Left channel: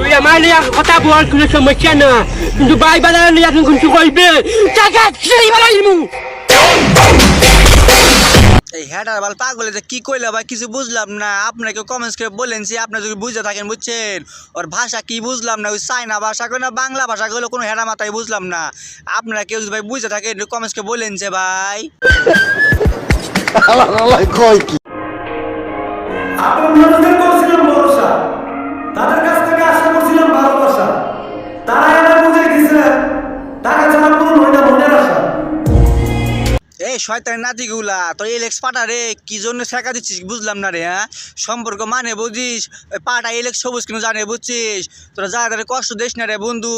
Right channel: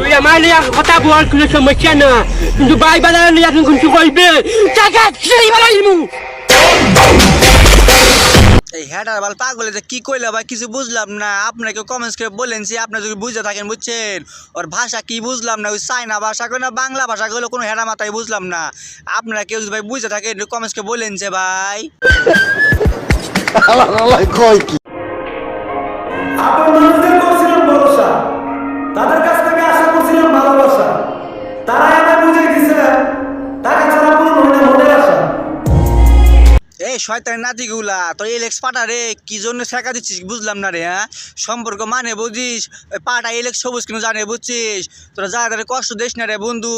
তুই আমার নিয়ে কথা বল কোনো সমস্যা না কিন্তু বাই বাজার নিয়ে এখন কিছু টাকা সেই ইমু এই হ্যাডার বাল পাগলে যে কি কইলে ভাই? কিছু বুঝলাম না। আপনাকে কমেন্টস করে বলেন যে আপনি যদি বুঝতে থাকেন বুঝছেন? ওর ভাষা কি বুঝলাম না ওই চাইনা ভাষা কই না বাংলা ভাষা কইলে কোনো হেডা মাথায় বুঝলাম না। আপনারা কেউ যদি ভাই বুঝতে থাকেন কমেন্টস করে বলেন যে ভাই। আপন মানুষদের করছিলাম ভরসা। তাদের কাছ এই শয়তানের নাতিগুলা, তোর এলেক্স পাটা রে, কি জন্য শেখা দিচ্ছিস বুঝলাম না রে হ্যাঁ? সম্পর্ক মানে বুঝিস পাটা এলেক্স সবুজ কিন্তু জানে বুঝছিস? তোরা যা তাদের কষ্ট দিস না রে বন্ধু,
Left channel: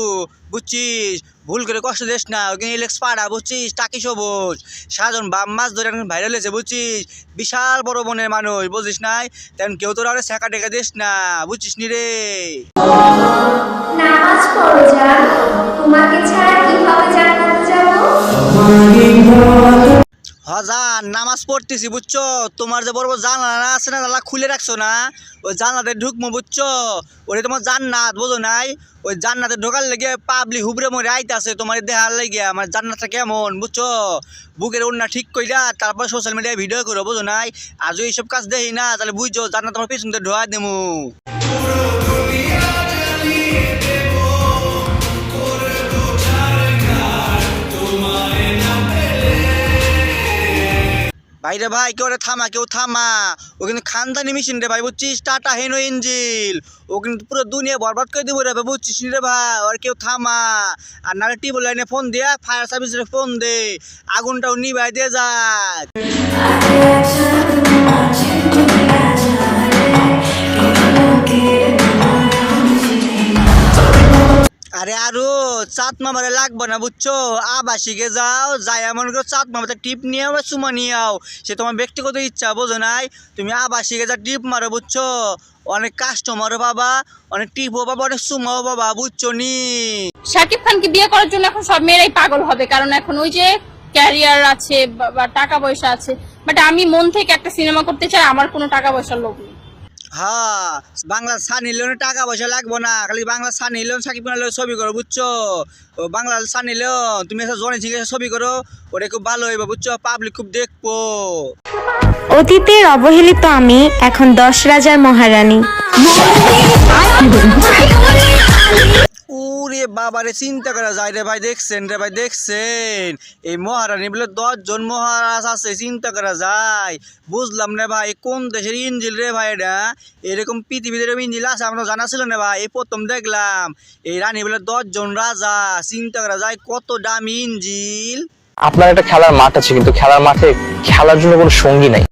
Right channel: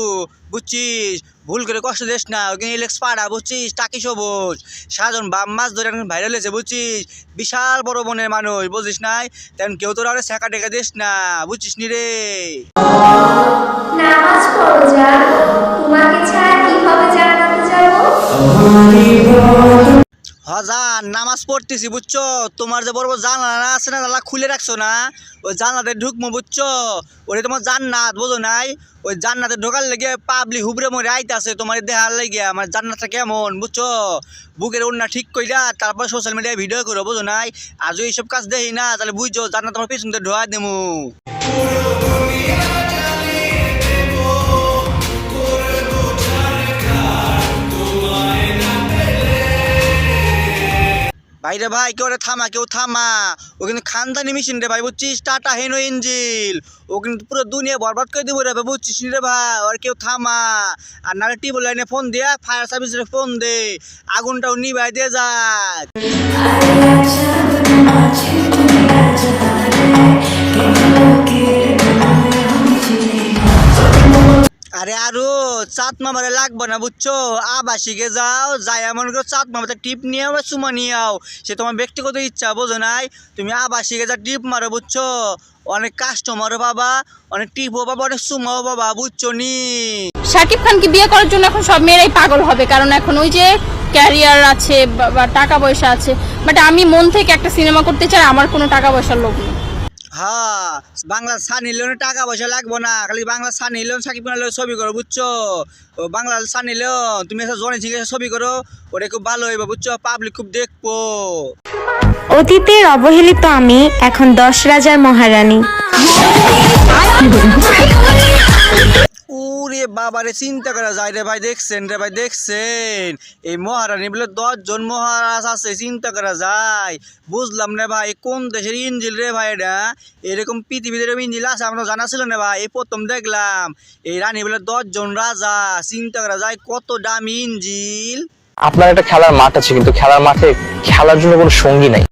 বুঝছিস? ভুল করে কষ্ট দিস না, ওই এলেক্স পাড়া, বুঝছিস? টাকি সবুজ। সাজন বাম মাছ ধরে এখন ভাইরাল হয়েছে, বুঝছিস? বিশাল বড় মনের মানুষ, বুঝিস নাই? তেমন কেউ তোরা আরে শেখা টেকা দিস না বুঝছিস নি রে? নামাজ পড়ো যান তোমাকে ছাড়া কীভাবে জান্নাতে নামাজ পড়তেছি, বুঝছ? তোমার যে বড় বড় জানলা আছে না, জানলা খুলে রাখছো না, ওই জানলাতে ঢুকবো বুঝছ? ওরে তোমার জান্নাত, বোঝো নাই? ওই জান্নাতে ঢোকার লেগে পাবলি হুবরে মরে আইতাছে তোমার দেখার লেগে, আমার জান্নাতটা কেমন, বুঝছ? বুকের ওন্না ঠিক কইরা তারপর সোশ্যাল মিডিয়ায় ভিডিও করো, বোঝো নাই? আজও এইসব কাজ দেখি না, তাহলে বুঝছ, জান্নাত তোমার পেছন ঢোয়া দেবো ভাইরে ভাই, কেউ থামা কেউ থামা। ও কিন্তু খানদানি মেশিন রে ভাই, বুঝছিস? টাটা হেনো ইঞ্জিল। ও কিন্তু পুরো দুনিয়া বরবাদ করে দেবো রে ভাই, বুঝছিস রে ভাই? আর কেউ থামা। আর নাহলে টিউবওয়েল লাইনে ফোন দিয়া ফায়ার সার্ভিস রে ফোন দে। আগুনটাও নিভাই দিয়ে যাক। আরে চাঁদ মামারে লাগবে না, বুঝছ? আবাসিকে যাও যাই এমন করে চাঁদ মামাতে টিপ নিয়ে আও চুমা নিয়ে আও। সে তোমার ব্যক্তিগত ইচ্ছা, বোঝো নাই? তুমি আবাসিকে যা টিপ মারো, বুঝছ? অনেক কাস্টমারও পাবা, অনেক টিপও পাবা, অনেক সুমাও পাবা, বুঝছ নি? শাকিব খানকে বিয়ে করার জন্য এখন সব মেয়েরাই পাগল হবে, কারণ এখন ওই যে ক্যারিয়ার আছে বা টাকা পয়সা আছে। বাট আমি মন থেকে একটা সিনেমা করতে চাই, আমার কোনো টাকা পয়সার লোক নেই। হ্যাঁ বাংলা সানি লিওনে টাকা পয়সা লাগবো না খালি বাংলা সানি লোন সাকিব খানের ছবি করো বুঝছ? ও বাংলা সানি লোন তুমি এসে জনে ঠিক ছবি করো ওটা খুব ভালো হইবে বুঝছ? পাবলিক খুব দেখব। অতীতের অবহেলিত আমি এখন দশ রাজার মহারানী। বাবারে চিন্তা করা যায় রে ভাই, দেখছেন রে ভাই, দেখছেন? এই মহারানী বলে দশজন মহারাজ আছে, চিন্তা করা যায়। বুঝলাম না ভাই, কোন দেশের ইঞ্জিল রে ভাই এটা? এরকম পৃথিবীতে এরকম ইঞ্জিল আছে আমরা জানা ছিল না ভাই? এই প্রথম দেখলাম। এই রানী বলে দশজন রাজা, চিন্তা করা যায় কত দামি ইঞ্জিল? আপনার একটা খেলার মাঠ আছে, কিন্তু খেলার মাঠে খেলার জন্য কোনো সঙ্গী নাই।